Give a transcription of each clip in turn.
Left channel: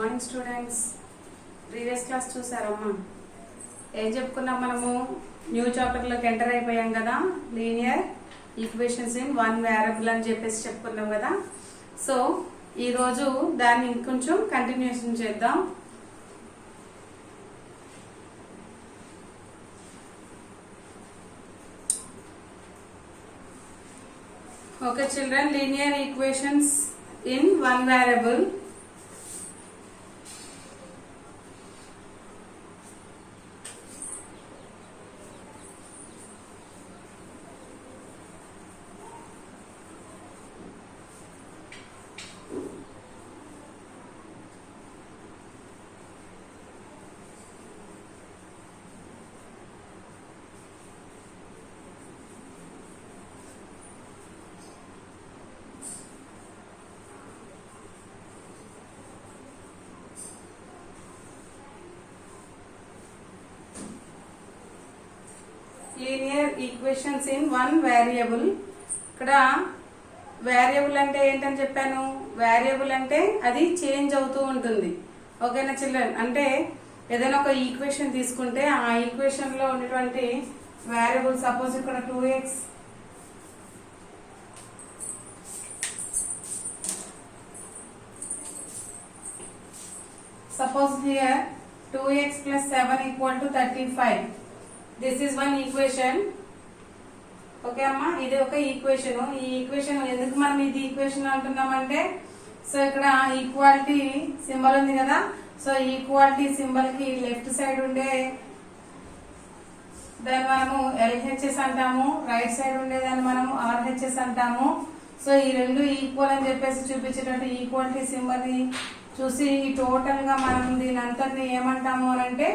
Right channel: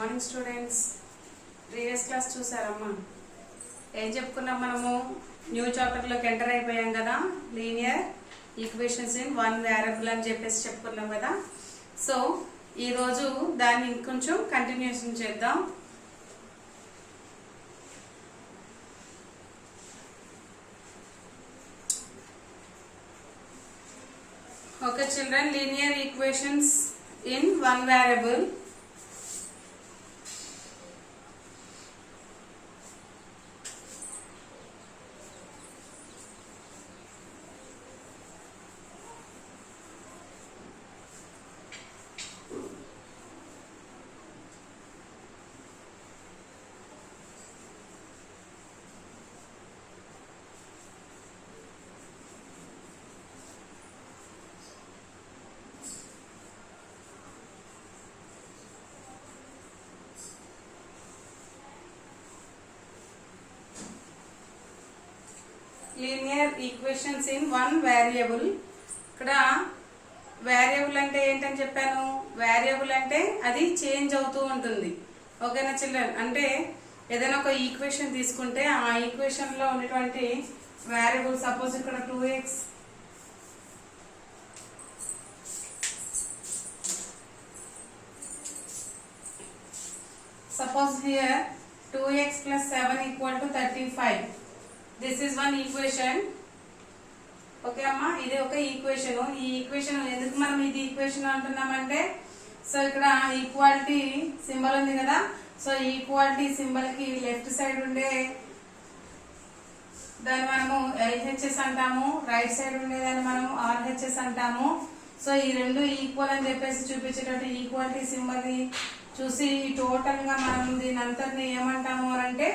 Morning students. Previous class చూసారమ్మా. ఏం చెప్పుకున్నాం మనము? న్యూ చాప్టర్లోకి ఎంటర్ అయిపోయాం కదా. Linear equations in one variable అని చెప్పేసి చెప్పుకున్నాం కదా. సో ఈరోజు దాన్ని ఇంకొంచెం కంటిన్యూషన్ చేద్దాం. Okay children, linear equations in one variable. Linear equations in one variable. ఇక్కడ వేరియబుల్ అంటే ఏంటని చెప్పాను? వేరియబుల్ అంటే అది చేంజ్ అవుతూ ఉంటుంది. ఓకేనా చిల్డ్రన్? అంటే ఏదైనా ఒక ఈక్వేషన్ తీసుకుంటే ఆ ఈక్వేషన్ లో ఉన్నటువంటి వేరియబుల్, సపోజ్ ఇక్కడ 2x suppose here 2x plus 7 equal to 35. This is one equation. Okay అమ్మా, ఇది ఒక ఈక్వేషన్. ఈ ఈక్వేషన్ ఎందుకు మనం ఇది ఈక్వేషన్ అంటున్నామంటే, సో ఇక్కడ ఈక్వాలిటీ సింబల్ ఉంది కదా. సో ఈక్వాలిటీ సింబల్ కి లెఫ్ట్ సైడ్ ఉండే దాన్ని మనము LHS అంటాము, రైట్ సైడ్ ఉండేదాన్ని మనము RHS అంటాము. సో ఈ రెండు ఈక్వల్ అని చెప్పేసి చూపించేటట్టు ఈక్వాలిటీ సింబల్ ని చూసి టోటల్ గా మనం దీని అంతటిని ఏమంటాము అంటే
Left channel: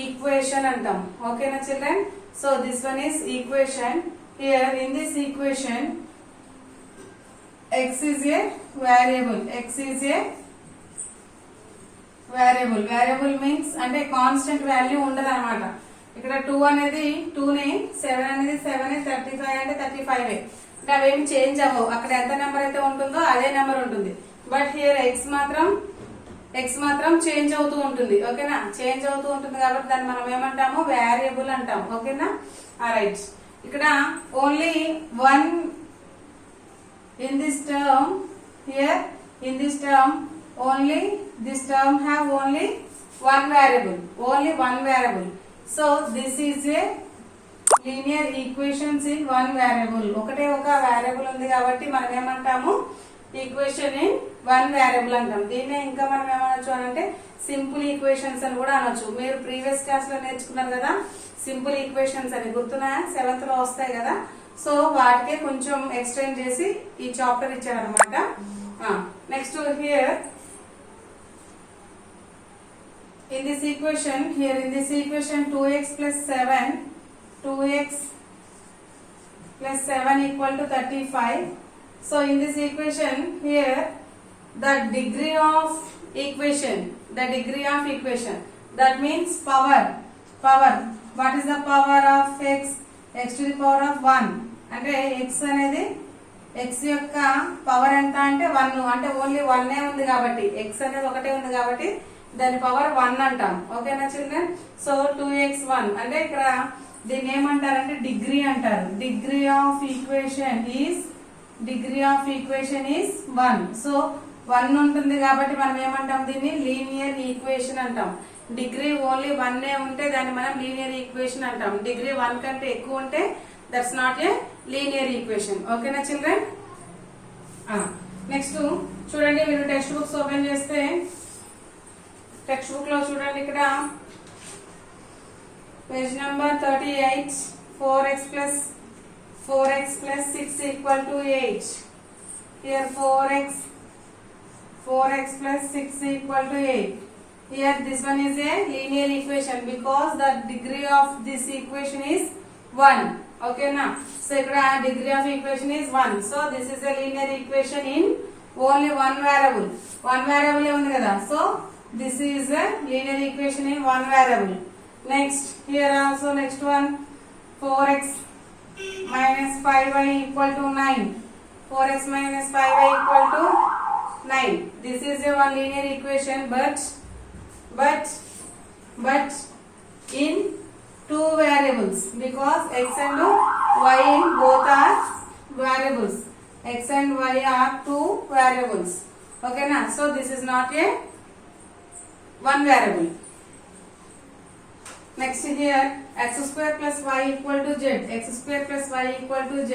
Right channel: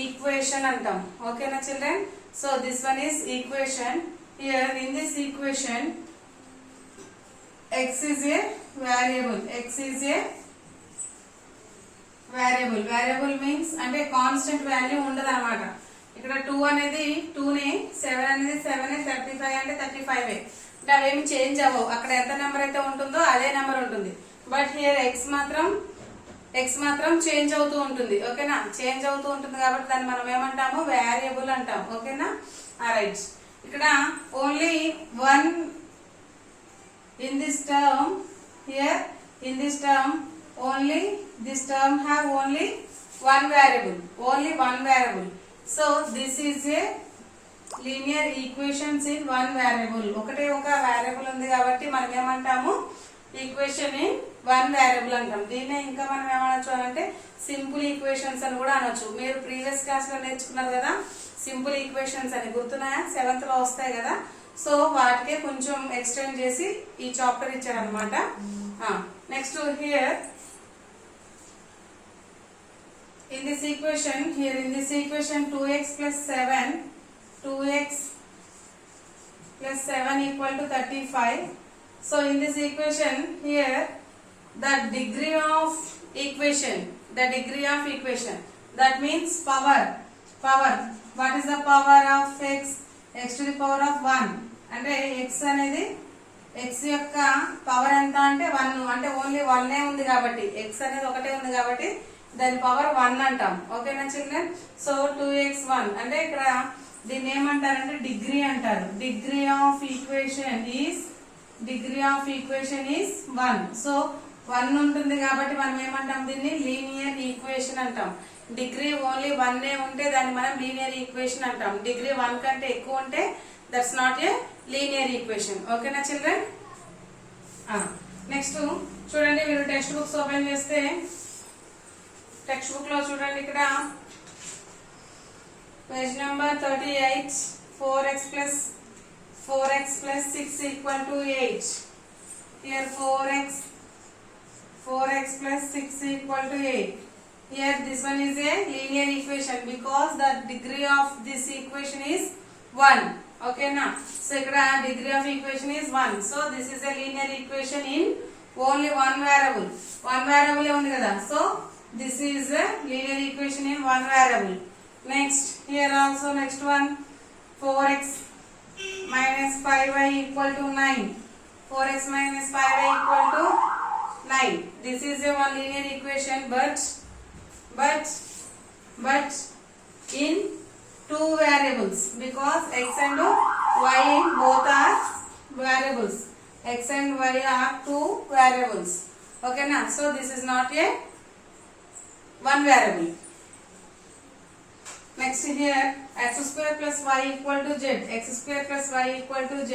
ఈక్వేషన్ అంటాం. ఓకేనా children? So this one is equation. Here in this equation x is a variable. x is a variable. variable means అంటే కాన్స్టెంట్ వాల్యూ ఉండదు అనమాట. ఇక్కడ 2 అనేది 2 నే, 7 అనేది 7, 35 అంటే 35. అంటే అవేమి చేంజ్ అవ్వవు. అక్కడ ఎంత నెంబర్ అయితే ఉంటుందో అదే నెంబర్ ఉంటుంది. బట్ హియర్ x మాత్రం చేంజ్ అవుతూ ఉంటుంది. ఓకేనా? చేంజ్ అవుతూ ఉంటుంది కాబట్టి దాన్ని మనం ఏమంటాము? వేరియబుల్ అంటాం. ఓకేనా? రైట్. ఇక్కడ only one in this term, here in this term only this term have only one variable, only one variable. So this is a linear equations in one variable. ఒకటే ఒక వేరియబుల్ ఉంది కాబట్టి మనం ఏమంటాము? ఈక్వేషన్ ఇన్ వన్ వేరియబుల్ అంటాం. దీన్నే ఇంకా మనం ఏమనొచ్చు అంటే సింపుల్ ఈక్వేషన్స్ అని కూడా అనొచ్చు. మీరు ప్రీవియస్ క్లాస్ లో నేర్చుకున్నారు కదా సింపుల్ ఈక్వేషన్స్ అని, గుర్తున్నాయా? 7th లో వస్తాయి కదా. సో వాటికే కొంచెం ఎక్స్టెండ్ చేసి ఈ చాప్టర్ ఇచ్చారనమాట. Next here in this equation 2x plus 7 equal to 35. So in this equation here the degree of equation, that means power. What is the power of x to the power of 1. అంటే x అనేది x యొక్క పవర్ ఎంత అంటే 1. అంటే ఓన్లీ 1 ఉంది కాబట్టి, x అనేది ఒకటే ఉంది కాబట్టి దాని పవర్ 1 అంటాం. ఓకేనా చిల్డ్రన్? సో 2x1 అంటే ఇక్కడ దీన్ని ఏమంటారంటే డిగ్రీ అంటారు. Degree of equation is 1. సో 1 ఉంటుంది కాబట్టి మనం ఏమంటాం? దీన్ని లీనియర్ ఈక్వేషన్ అంటాం. డిగ్రీ ఓన్లీ 1 ఉంటే దాన్ని మనం లీనియర్ ఈక్వేషన్ అంటాం. డిగ్రీ 1 కంటే ఎక్కువ ఉంటే that's not a linear equation. ఓకేనా చిల్డ్రన్? నెక్స్ట్ చూడండి, మీరు టెక్స్ట్ బుక్స్ ఓపెన్ చేస్తే టెక్స్ట్ బుక్ లో చూడండి, ఇక్కడ page number 38, 4x plus 6 equal to 8. Here 4x plus 6 equal to 8. Here this one is a linear equation because the degree of this equation is 1. Okay na? So ikkada degree of equation is 1. So this is a linear equation in only one variable. One variable undi kada. So this is a linear equation in one variable. Next, here also next one, 4x minus 5y equal to 9. 4x minus 5y equal to 9. This is a one linear equation, but in two variables, because x and y both are variables. X and y are two variables. Okay na? So this is not a one variable. Next here, x square plus y equal to z. X square plus y equal to z.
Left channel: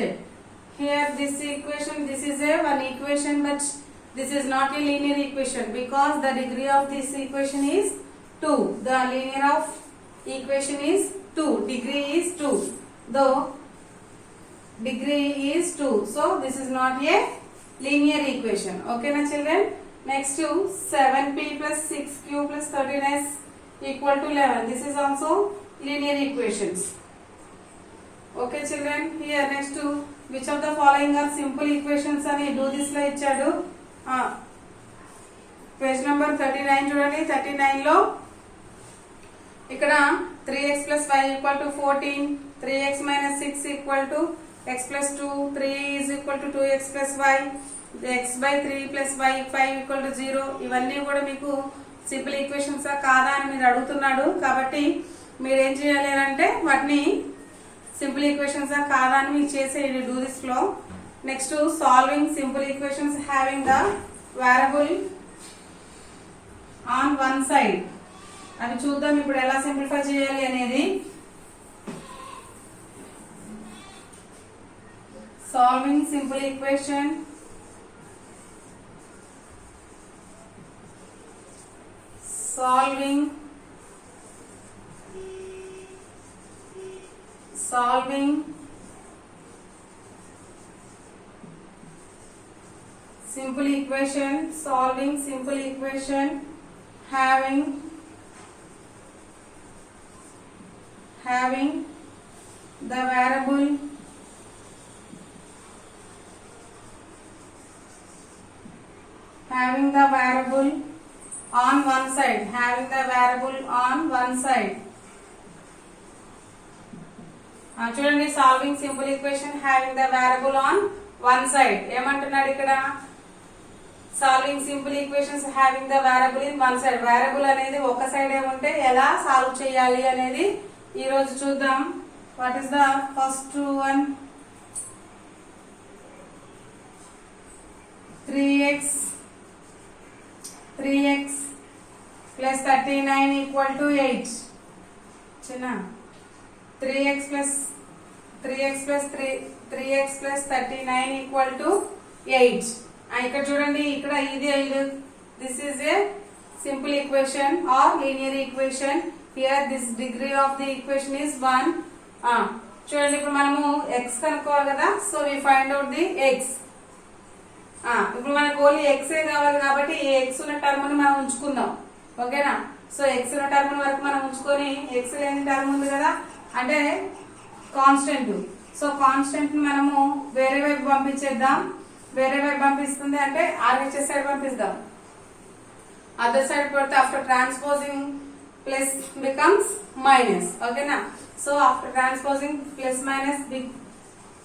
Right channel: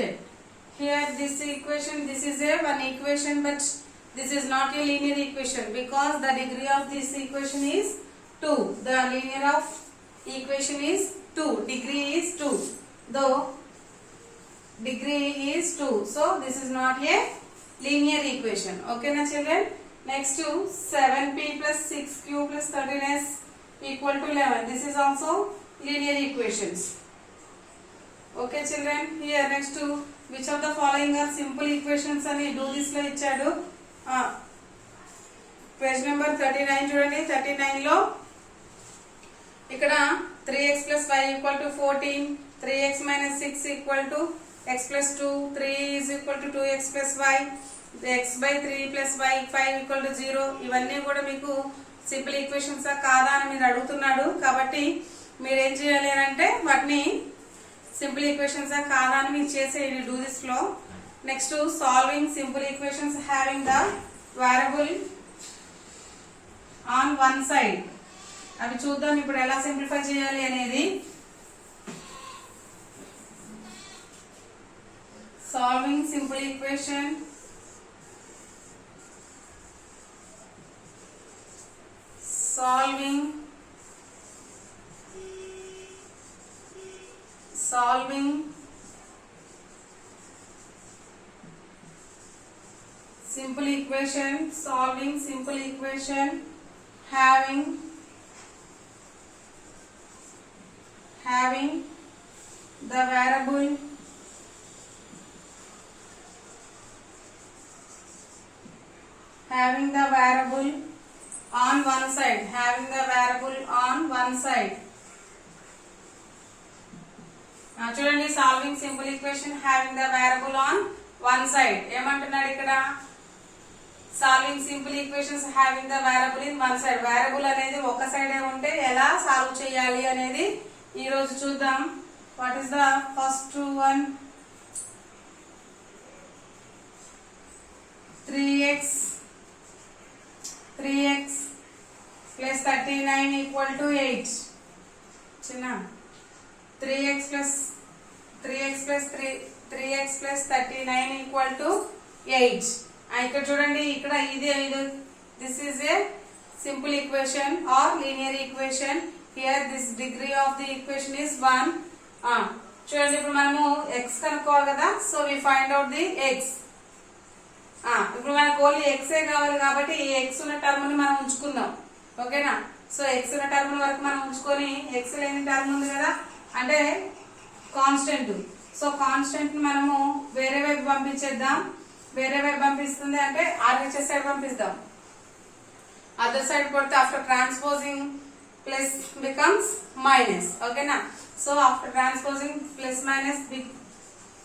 Here this equation, this is a one equation, but this is not a linear equation because the degree of this equation is 2. The linear of equation is 2. Degree is 2. Though degree is 2. So this is not a linear equation. Okay na children? Next to 7p plus 6q plus 13s equal to 11. This is also linear equations. Okay children? Here next to which of the following are simple equations అని do this లో ఇచ్చాడు. Page number 39 చూడండి. 39 లో ఇక్కడ 3x plus y equal to 14, 3x minus 6 equal to x plus 2, 3 is equal to 2x plus y, x by 3 plus y 5 equal to 0. ఇవన్నీ కూడా మీకు simple equations కాదా అని మీరు అడుగుతున్నాడు. కాబట్టి మీరు ఏం చేయాలి అంటే వాటిని సింపుల్ ఈక్వేషన్స్ కాదా అని మీరు చేసేయండి do this flow. Next solving simple equations having the variable on one side. అవి చూద్దాం ఇప్పుడు ఎలా సింప్లిఫై చేయాలి అనేది. Solving simple equation, solving simple equation, solving simple equation having the variable on one side, చూడండి solving simple equation having the variable on one side. ఏమంటున్నాడు ఇక్కడ? Solving simple equations having the variable in one side. Variable అనేది ఒక సైడే ఉంటే ఎలా సాల్వ్ చేయాలి అనేది ఈ రోజు చూద్దాం. What is the first one? 3x plus 39 equal to 8. చిన్న 3x plus 39 equal to 8. ఇక్కడ చూడండి, ఇక్కడ ఇది this is a simple equation or linear equation. Here this degree of the equation is 1. చూడండి ఇప్పుడు మనము x కనుక్కోవాలి కదా. So we find out the x. ఇప్పుడు మనకు ఓన్లీ ఎక్సే కావాలి కాబట్టి ఈ ఎక్స్ ఉన్న టర్మ్ ని మనం ఉంచుకుందాం. ఓకేనా? సో ఎక్స్ ఉన్న టర్మ్ వరకు మనం ఉంచుకొని ఎక్స్ లేని టర్మ్ ఉంది కదా అంటే కాన్స్టెంట్. సో కాన్స్టెంట్ ని మనము వేరే వైపు పంపించేద్దాం. వేరే వైపు పంపిస్తుంది అంటే ఆర్హెచ్ఎస్ సైడ్ పంపిద్దాం. అదర్ సైడ్ పడితే after transposing plus becomes minus. ఓకేనా? So after transposing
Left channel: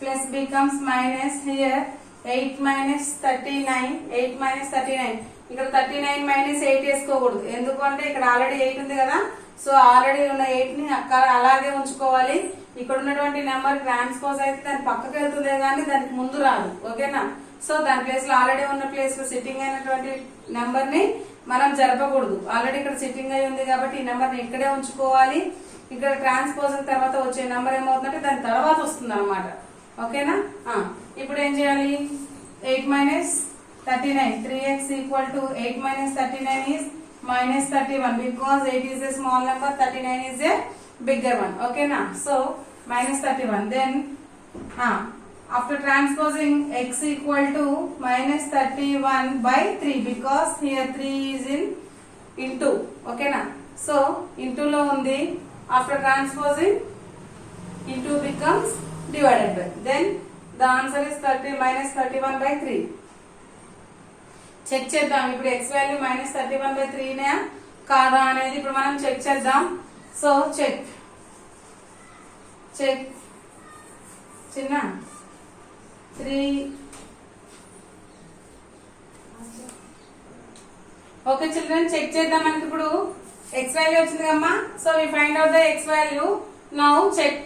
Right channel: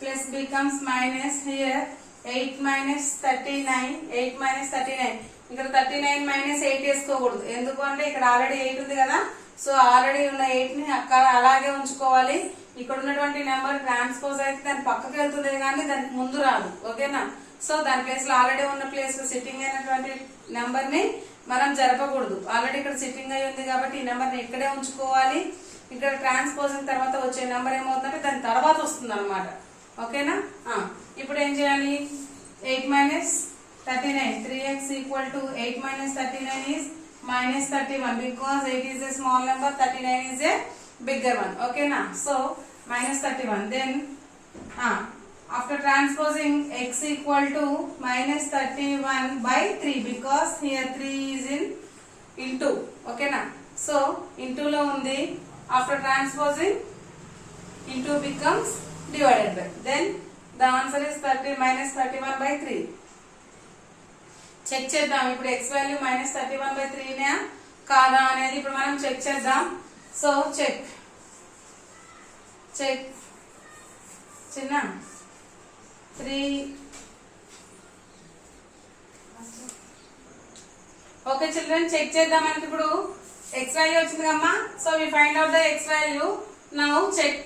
plus becomes minus. Here 8 minus 39. ఇక్కడ 39 minus 8 వేసుకోకూడదు. ఎందుకంటే ఇక్కడ ఆల్రెడీ 8 ఉంది కదా. సో ఆల్రెడీ ఉన్న 8 ని అక్కడ అలాగే ఉంచుకోవాలి. ఇక్కడ ఉన్నటువంటి నెంబర్ ట్రాన్స్పోజ్ అయితే దాని పక్కకి వెళ్తుంది కానీ దానికి ముందు రాదు. ఓకేనా? సో దాని ప్లేస్ లో ఆల్రెడీ ఉన్న ప్లేస్ లో సిట్టింగ్ అయినటువంటి నెంబర్ ని మనం జరపకూడదు. ఆల్రెడీ ఇక్కడ సిట్టింగ్ అయి ఉంది కాబట్టి ఈ నెంబర్ ని ఇక్కడే ఉంచుకోవాలి. ఇక్కడ ట్రాన్స్పోజ్ తర్వాత వచ్చే నెంబర్ ఏమవుతుందంటే దాని తర్వాత వస్తుంది అనమాట. ఓకేనా? ఇప్పుడు ఏం చేయాలి? 8 minus 39. 3x equal to 8 minus 39 is minus 31 because 8 is a small number, 39 is a bigger one. Okay na? So minus 31. Then after transposing x equal to minus 31 by 3 because here 3 is in into. Okay na? So into lo undi. After transposing into becomes divided by. Then the answer is 30 minus 31 by 3. చెక్ చేద్దాం ఇప్పుడు x value minus 31 by 3 నే కాదా అనేది ఇప్పుడు మనం చెక్ చేద్దాం. So check చిన్న 3 okay children, check చేద్దాం. మనకి ఇప్పుడు ఎక్స్ వాల్యూ వచ్చింది కమ్మా. So we find out the x value. Now check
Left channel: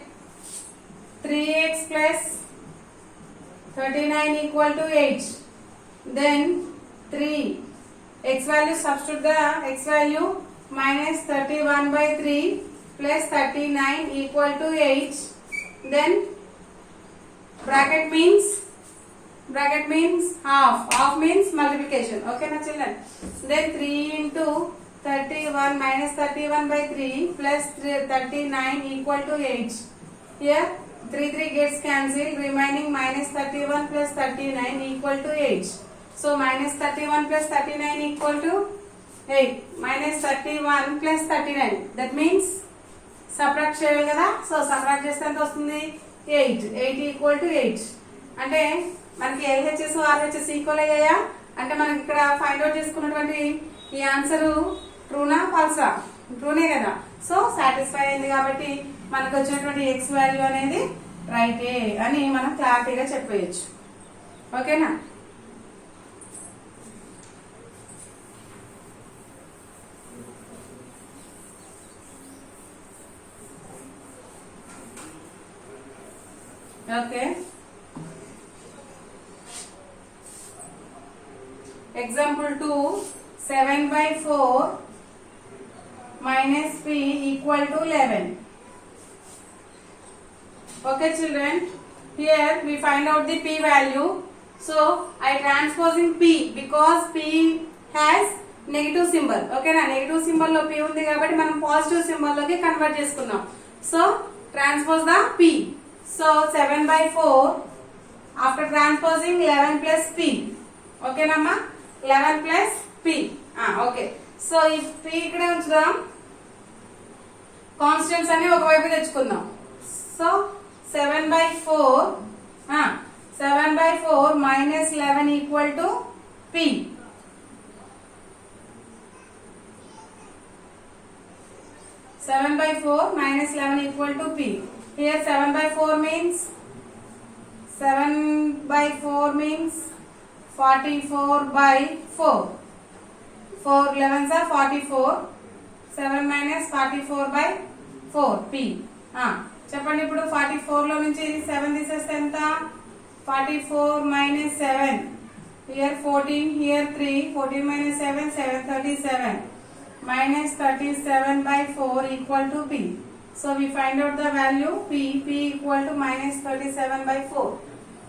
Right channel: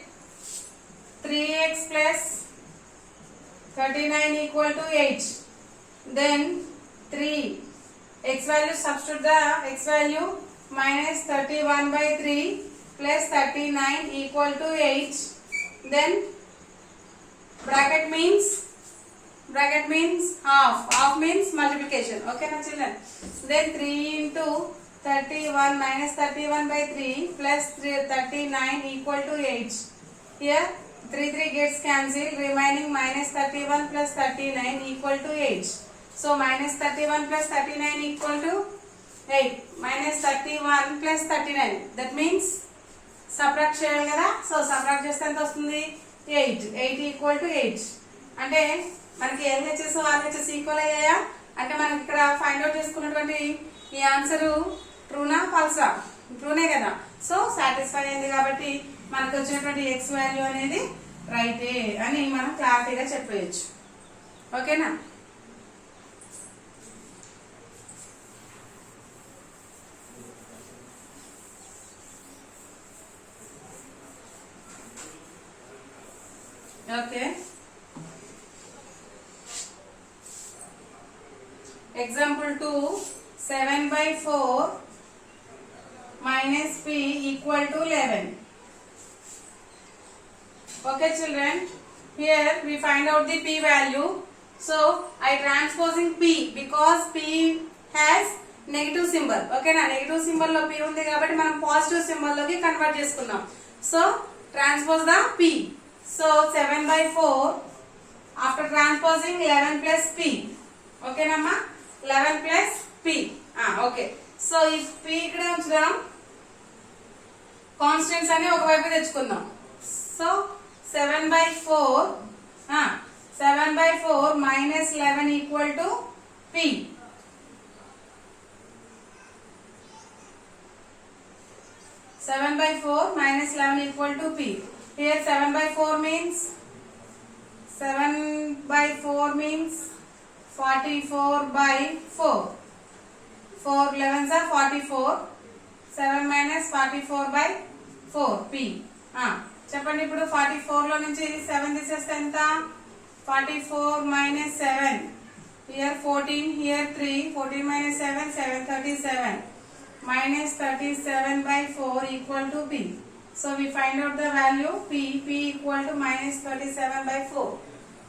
3x plus 39 equal to 8. Then 3 x value, substitute the x value, minus 31 by 3 plus 39 equal to 8. Then bracket means half. Half means multiplication. Okay na children. Then 3 into 31 minus 31 by 3 plus 39 equal to 8. Here 3 gets cancelled, remaining minus 31 plus 39 equal to 8. So minus 31 plus 39 equal to 8. Minus 31 plus 39. That means subtract చేయాలి కదా. So subtract చేస్తే ఎంత వస్తుంది? 8. 8 equal to 8. అంటే మనకి LHS RHS equal అయ్యాయా అంటే మనకి ఇక్కడ ఫైండ్ అవుట్ చేసుకున్నటువంటి ఈ ఆన్సర్ ట్రూనా ఫాల్సా? ట్రూనే కదా. సో సాటిస్ఫై అయింది కాబట్టి మనకు వచ్చినటువంటి ఎక్స్ వాల్యూ అనేది రైటే అని మనం క్లారిటీగా చెప్పేయచ్చు. ఓకేనా? Okay, example 2 7/4 minus p equal to 11. Okay children, here we find out the p value. So I transposing p because p has negative symbol. Okay na, negative symbol lo p undi kabatti manam positive symbol loki convert cheskunnam. So transpose the p. So 7/4 after transposing 11 plus p. Okay namma, 11 plus p. Okay. So if p ikkade unchudam, constants అని ఒకవైపు తెచ్చుకుందాం. సో 7/4 minus 11 equal to p. 7/4 minus 11 equal to p. Here 7/4 means 44/4. 4 11s are 44. 7 minus 44/4 p. చెప్పండి ఇప్పుడు 44 లో నుంచి ఇది 7 తీసేస్తే ఎంత? 44 minus 7. Here 14, here 3. 14 minus 7, 7 37. Minus 37/4 equal to p. So we find out the value p. P equal to minus 37/4.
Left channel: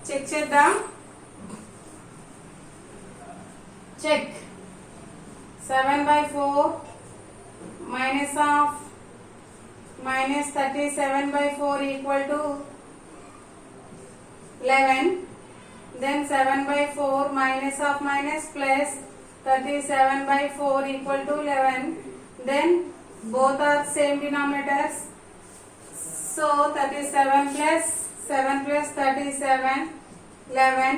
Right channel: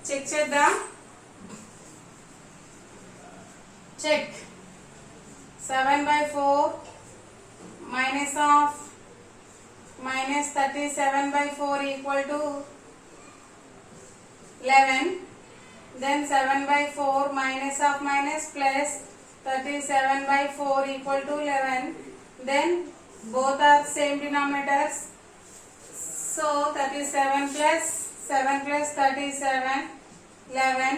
Check చేద్దాం. Check. 7/4 minus of minus 37/4 equal to 11. Then 7/4 minus of minus plus 37/4 equal to 11. Then both are same denominators. So 37 plus 7 plus 37 11.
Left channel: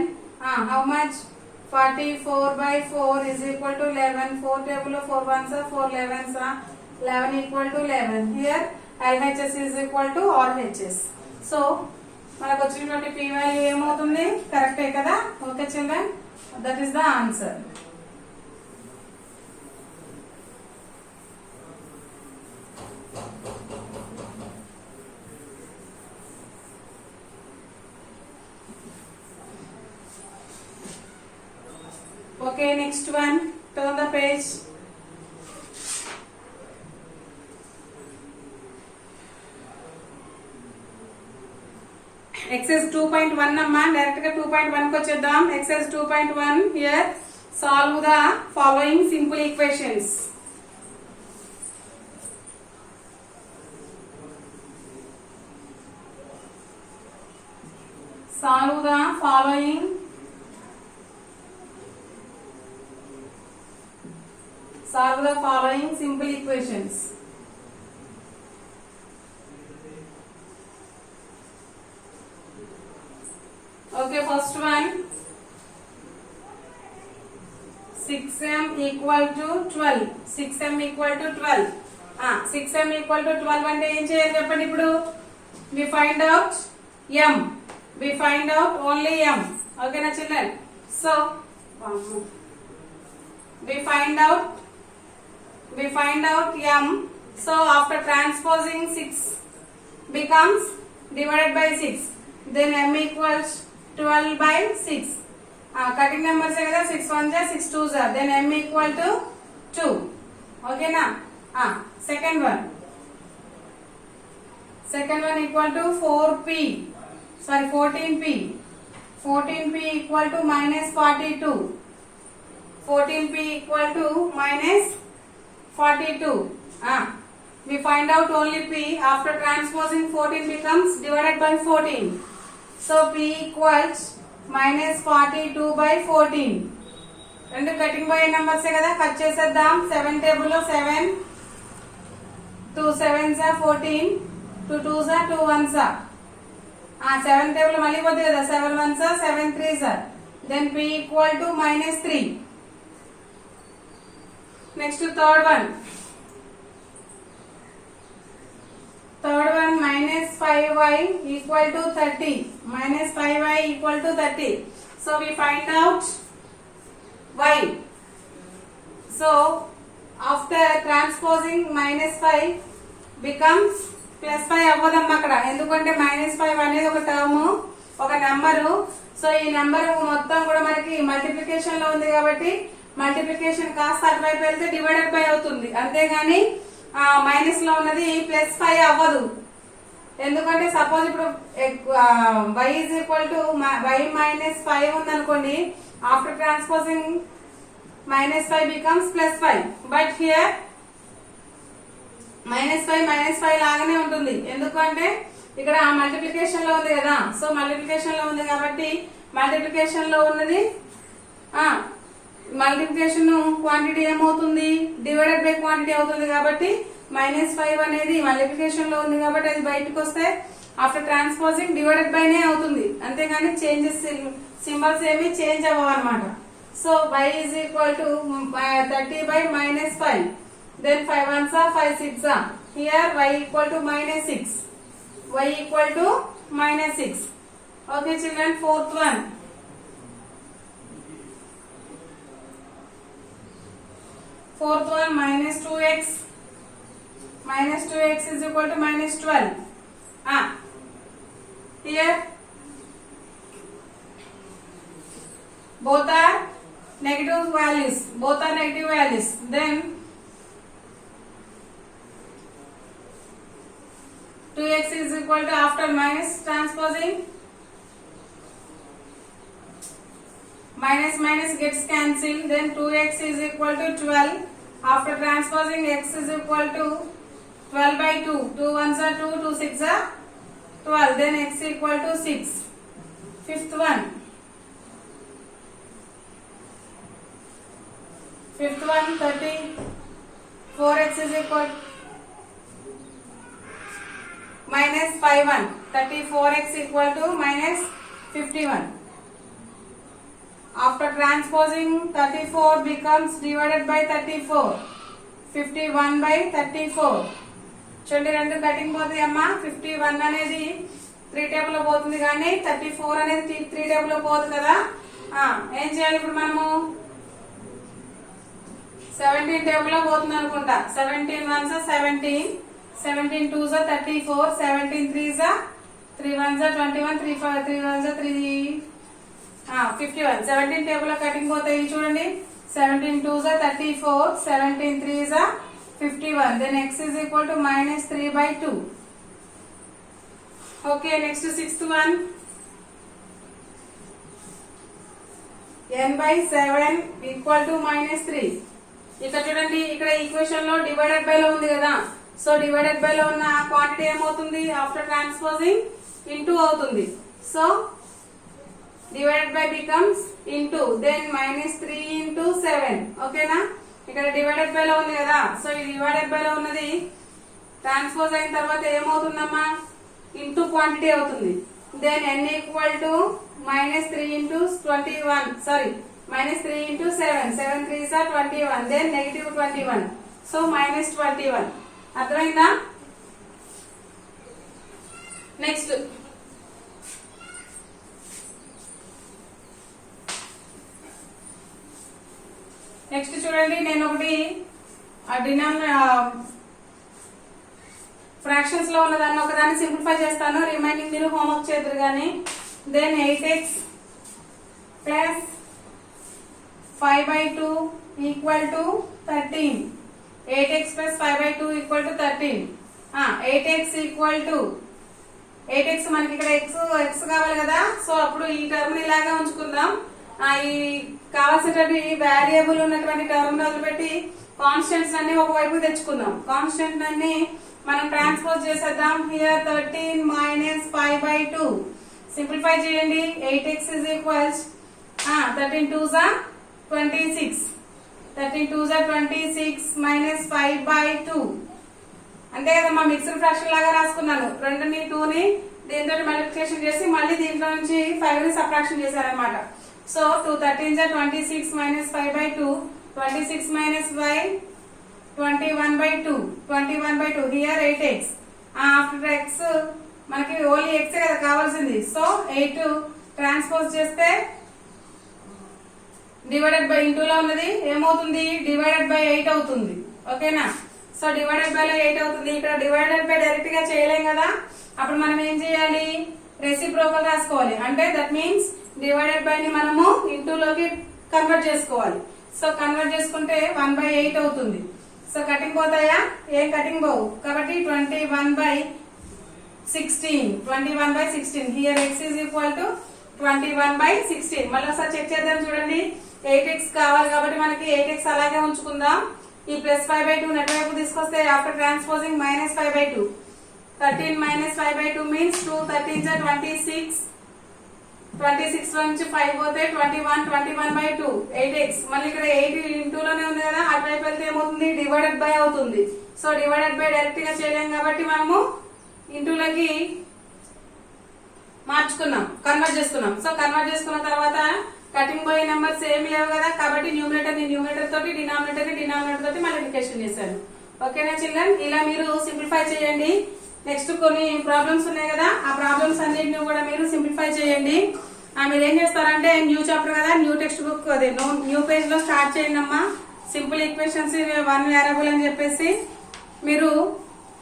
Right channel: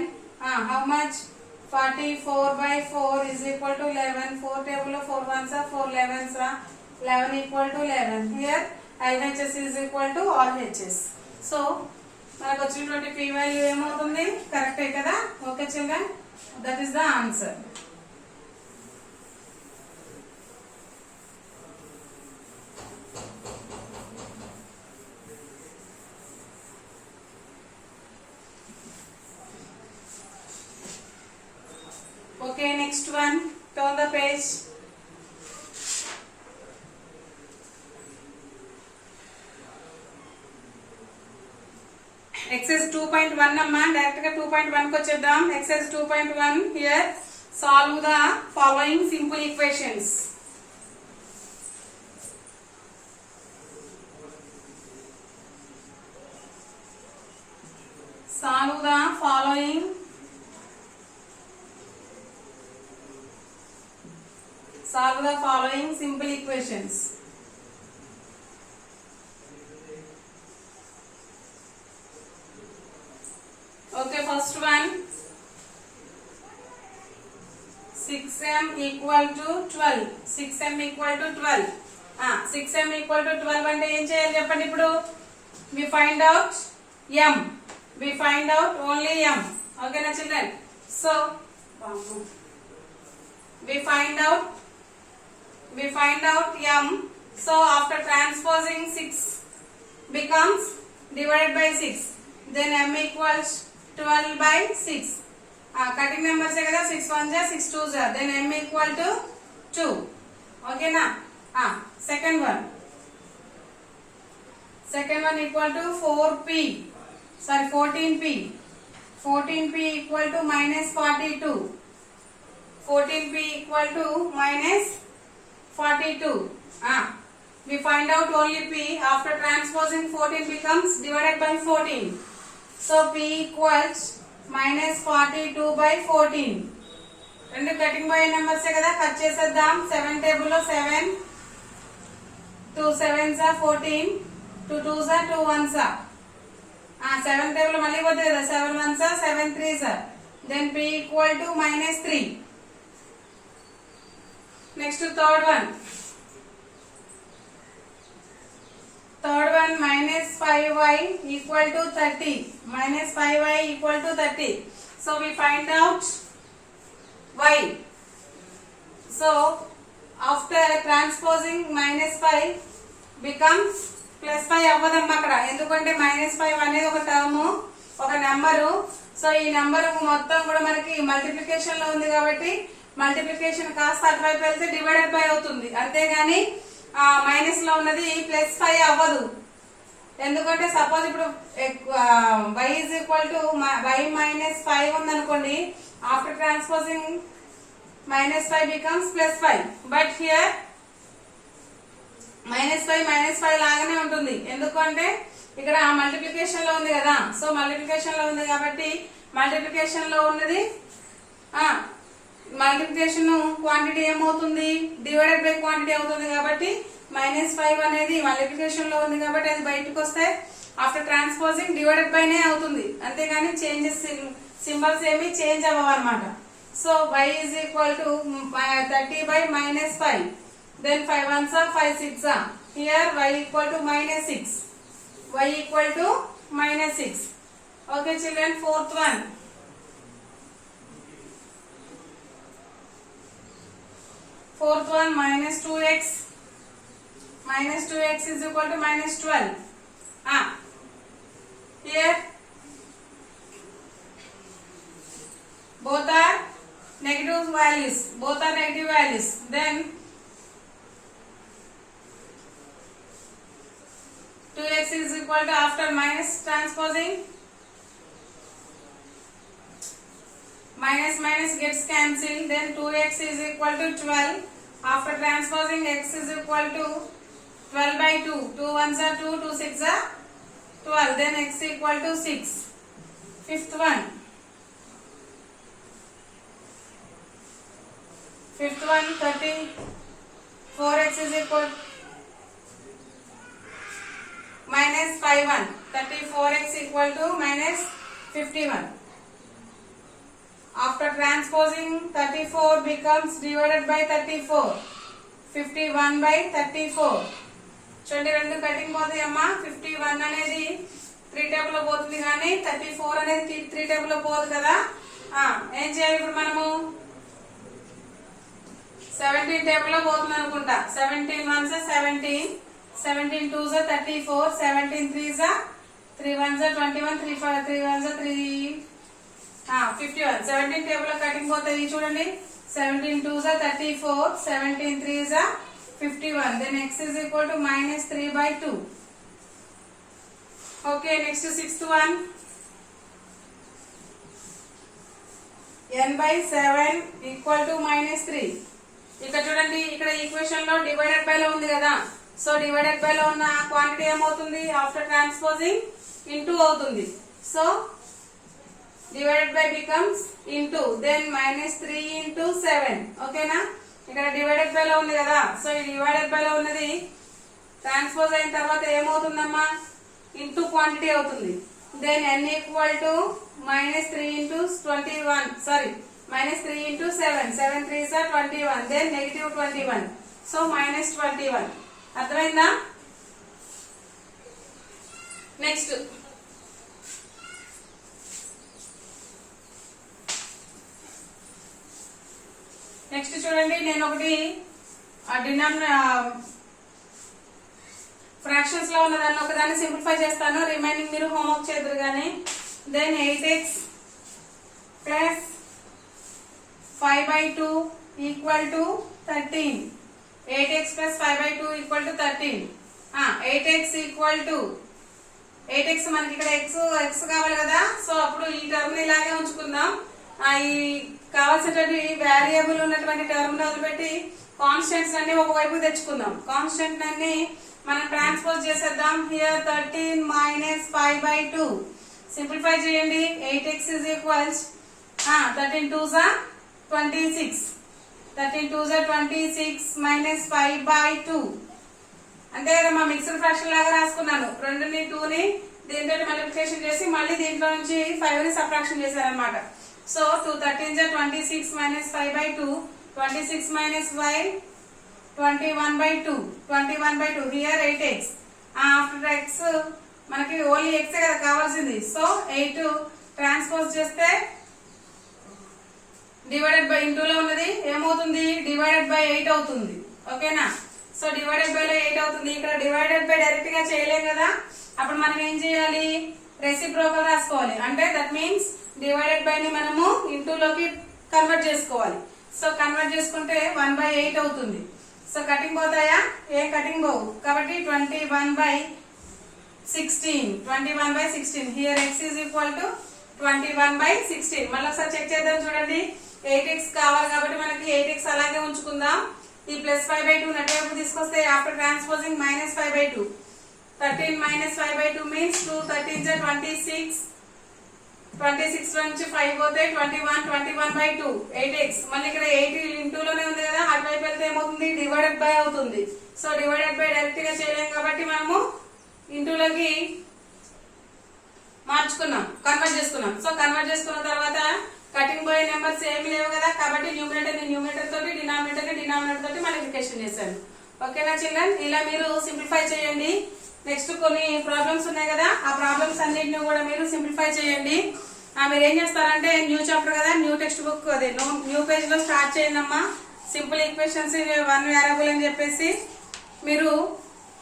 How much? 44/4 is equal to 11. 4 table of 4 ones are 4 11s are 11 equal to 11. Here LHS is equal to RHS. So మనకు వచ్చినటువంటి p value ఏమవుతుంది? కరెక్టే కదా. Okay children, that is the answer. Okay, next one. Turn the page. Exercise 2.1 అమ్మా. డైరెక్ట్ గా 2.1 కి వచ్చేద్దాం. Exercise 2.1. Here solve the following simple equations. Solve the following simple equations. Okay, first one 6m equal to 12. 6m equal to 12. 6m equal to 12 అంటే ఏం చేయాలి చెప్పండి ఇప్పుడు? we find out m. we find out only m. Okay na children? So we find out we find out m. So after transposing 6 becomes divided by 6, then m equals 12 by 6. Cutting numbers है కదా, 6 1 जा 6 2 जा, then m equal to 2. Okay ना. Second one equal to 4p, sorry 14p. 14p equal to minus 42. 14p equal to minus 42. We find out only p. After transposing 14 becomes divided by 14. So p equals minus 42 by 14. రెండు cutting by numbers కదా, కట్ చేసేద్దాం. 7 టేబుల్ లో 7, 2 7s 14, 2 2s 2 1s. 7 టేబుల్ మళ్ళీ పోతుంది కదా, 7 1s 7 3s. Then p equal to minus 3. Next third one minus 5y equal to 30. Minus 5y equal to 30. So we find out y. So after transposing minus 5 becomes plus 5 అవ్వదమ్మా అక్కడ, ఎందుకంటే మైనస్ 5 అనేది ఒక టర్మ్, ఒక నెంబరు. సో ఈ నెంబర్ మొత్తం కూడా మనకి మల్టిప్లికేషన్ లో ఉంది కాబట్టి మల్టిప్లికేషన్ కాస్త అటువైపు వెళ్తే డివైడెడ్ బై అవుతుంది, అంతేగాని మైనస్ లో ఉన్నది ప్లస్ 5 అవ్వదు. ఎందుకంటే సపోజ్ ఇప్పుడు y is equal to y minus 5 ఉంది అనుకోండి, after transposing minus 5 becomes plus 5, but here minus 5 లాగానే ఉంటుంది, ఎందుకంటే ఇక్కడ మల్టిప్లికేషన్ లో ఉంది కదా. సో మల్టిప్లికేషన్ లో ఉంది కాబట్టి మల్టిప్లికేషన్ లో ఉన్నది మల్టిప్లికేషన్ క్వాంటిటీ ఏమవుతుంది, డివైడెడ్ బై క్వాంటిటీ అవుతుంది. కాబట్టి minus 5 అనేది మల్టిప్లికేషన్ లో ఉంది కాబట్టి అది బయటకు వస్తే ఆఫ్టర్ ట్రాన్స్పోజింగ్ డివైడెడ్ బై నే అవుతుంది, అంతేగాని చేంజెస్ సింబల్స్ ఏమి చేంజ్ అవ్వవు అనమాట. So y is equal to 30 by minus 5. Then 5 1s 5 6. Here y equal to minus 6. Y equal to minus 6. Okay children, fourth one minus 2x. Minus 2x is equal to minus 12. Here both are negative values, then 2x is equal to, after minus transposing minus gets cancelled, then 2x is equal to 12. After transposing x is equal to 12 by 2, 2 1s 2, 2 6 12, then x equal to 6. Fifth one 34x is equal minus 51. 34x equal to minus 51. After transposing 34 becomes divided by 34. 51 by 34. చూడండి రెండు కటింగ్ పోతాయి అమ్మా. 51 అనేది 3 టేబుల్ లో పోతుంది కానీ 34 అనేది 3 టేబుల్ లో పోదు కదా. ఏం చేయాలి ఇప్పుడు మనము, 17 టేబుల్ లో పోతుంది అనుకుంటా. 17 1s 17, 17 2s 34, 17 3s 3 1s 21, 3 1s 3 51. 17 టేబుల్ లో కటింగ్ పోతాయి చూడండి. 17 2s 34, 17 3s 51. Then x is equal to minus 3 by 2. Okay, next to sixth one. n by 7 equal to minus 3. ఇక్కడ చూడండి, ఇక్కడ ఈక్వేషన్ లో డివైడెడ్ బై లో ఉంది కదా. సో డివైడెడ్ బై లో ఉన్న క్వాంటిటీ ఏమవుతుంది, ఆఫ్టర్ ట్రాన్స్పోజింగ్ ఇంటూ అవుతుంది. So divided by becomes into, then minus 3 into 7. ఓకేనా, ఇక్కడ డివైడెడ్ బై లో ఉంది కదా. సో ఈ డివైడెడ్ బై లో ఉన్నది ట్రాన్స్పోజ్ అయిన తర్వాత ఏమవుతుందమ్మా, ఇంటూ క్వాంటిటీ అవుతుంది. Then n equal to minus 3 into 21, sorry minus 3 into 7, 7 3s 21, then negative 21, so minus 21. అర్థమైందా? నెక్స్ట్ చూడండి, నేను ఒకటి ఫ్రాక్షన్స్ లో ఉన్నదాన్ని ఒకదాన్ని సింప్లిఫై చేస్తాను, రిమైనింగ్ మీరు హోంవర్క్ చేద్దరు కానీ. Then 8x plus 5/2 equal to 13. 8x plus 5/2 equal to 13. 8x equal to 8x మనకి ఇక్కడ x కావాలి కదా, సో అప్పుడు ఈ టర్మ్ ని ఇలాగే ఉంచుకుందాం. ఈ కావాల్సినటువంటి వేరియబుల్ ఉన్నటువంటి టర్మ్ వదిలిపెట్టి కాన్స్టెంట్స్ అన్ని ఒకవైపు తెచ్చుకుందాం. కాన్స్టెంట్ అన్ని మనం ట్రాన్స్పోజ్ చేసేద్దాం. హియర్ 13 మైనస్ 5/2 సింప్లిఫై చేయండి. 8x is equals 13 2s are 26. 13 2s are 26 మైనస్ 5/2 అంతే కదా. మా మిక్స్డ్ ఫ్రాక్షన్ లాగా రాసుకున్నాను. 2ని 2ని దీంతో మల్టిప్లికేషన్ చేసి మళ్ళీ దీంట్లో నుంచి 5ని సబ్ట్రాక్షన్ చేశారనమాట. సో 2 13s are 26 మైనస్ 5/2. 26 మైనస్ 5 21/2. 21/2 హియర్ 8x. ఆఫ్టర్ x మనకి ఓన్లీ x కదా కావాల్సింది. సో 8 ట్రాన్స్పోజ్ చేస్తే డివైడెడ్ బై ఇంటూ లో ఉన్నది ఏమవుతుంది, డివైడెడ్ బై 8 అవుతుంది. ఓకేనా. సో డివైడెడ్ బై లో 8 అవుతుంది. ఇక్కడ డివైడెడ్ బై డైరెక్ట్ గా చేయలేం కదా, అప్పుడు మనం ఏం చేయాలి, రెసిప్రోకల్ రాసుకోవాలి. అంటే దట్ మీన్స్ డివైడెడ్ బై ని మనము ఇంటూ లోకి కన్వర్ట్ చేసుకోవాలి. సో కన్వర్ట్ చేసుకుంటే 1/8 అవుతుంది. సో కటింగ్ పోతాయా, ఏం కటింగ్ పోవు కాబట్టి 21/16. 21/16 here x is equal to 21/16. మళ్ళీ ఒకసారి చెక్ చేద్దాం చూడండి. 8x కావాలి కాబట్టి మనకి 8x అలాగే ఉంచుకుందాం. ఈ ప్లస్ 5/2 నెట్వైపు తీసుకొస్తే ఆఫ్టర్ ట్రాన్స్పోజింగ్ మైనస్ 5/2. 13 మైనస్ 5/2 మీన్స్ 2 13s are 26. 26 నుంచి 5 పోతే 21. 21/2 8x. మళ్ళీ ఇక్కడ 8 ఇంటూ లోనే ఉంది కదా, అటువైపు వెళ్తే ఏమవుతుంది, డివైడెడ్ బై అవుతుంది. సో డివైడెడ్ బై డైరెక్ట్ గా చేయలేం కాబట్టి మనము ఇంటూలోకి మార్చుకున్నాం, కన్వర్ట్ చేసుకున్నాం. సో కన్వర్ట్ చేసుకున్న తర్వాత కటింగ్ పోయే నెంబర్స్ ఏమి లేవు కదా, కాబట్టి న్యూమరేటర్ ని న్యూమరేటర్ తోటి, డినామినేటర్ ని డినామినేటర్ తోటి మల్టిప్లికేషన్ చేశాను. ఓకేనా చిల్డ్రన్, ఇలా మీరు సింప్లిఫై చేయండి. నెక్స్ట్ కొన్ని ప్రాబ్లమ్స్ ఉన్నాయి కదా, ఆ ప్రాబ్లమ్స్ అన్నిటిని కూడా మీరు సింప్లిఫై చేయండి. మీరు ఏం చేస్తారంటే న్యూ చాప్టర్ కదా, న్యూ టెక్స్ట్ బుక్ అదే న్యూ పేజ్ లో స్టార్ట్ చేయండి అమ్మా. సింపుల్ ఈక్వేషన్స్ 1 వేరియబుల్ అని చెప్పేసి మీరు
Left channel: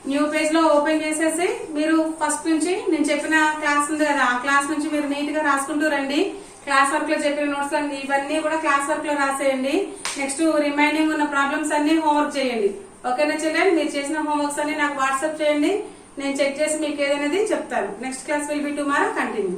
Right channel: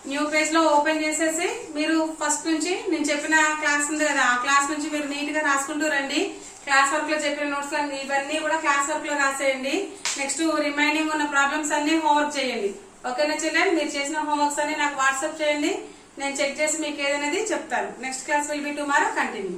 న్యూ పేజ్ లో ఓపెన్ చేసేసి మీరు ఫస్ట్ నుంచి నేను చెప్పిన క్లాస్ ఉంది కదా, ఆ క్లాస్ నుంచి మీరు నీట్ గా రాసుకుంటూ రండి. క్లాస్ వర్క్ లో చెప్పిన నోట్స్ ఇవన్నీ కూడా క్లాస్ వర్క్ లో రాసేయండి. నెక్స్ట్ రిమైనింగ్ ఉన్న ప్రాబ్లమ్స్ అన్ని హోంవర్క్ చేయండి. ఓకేనా చిల్డ్రన్, మీరు చేసిన హోంవర్క్స్ అన్ని నాకు వాట్సాప్ చేయండి, నేను చెక్ చేసి మీకు ఏదనేది చెప్తాను. Next class will be tomorrow. Continue.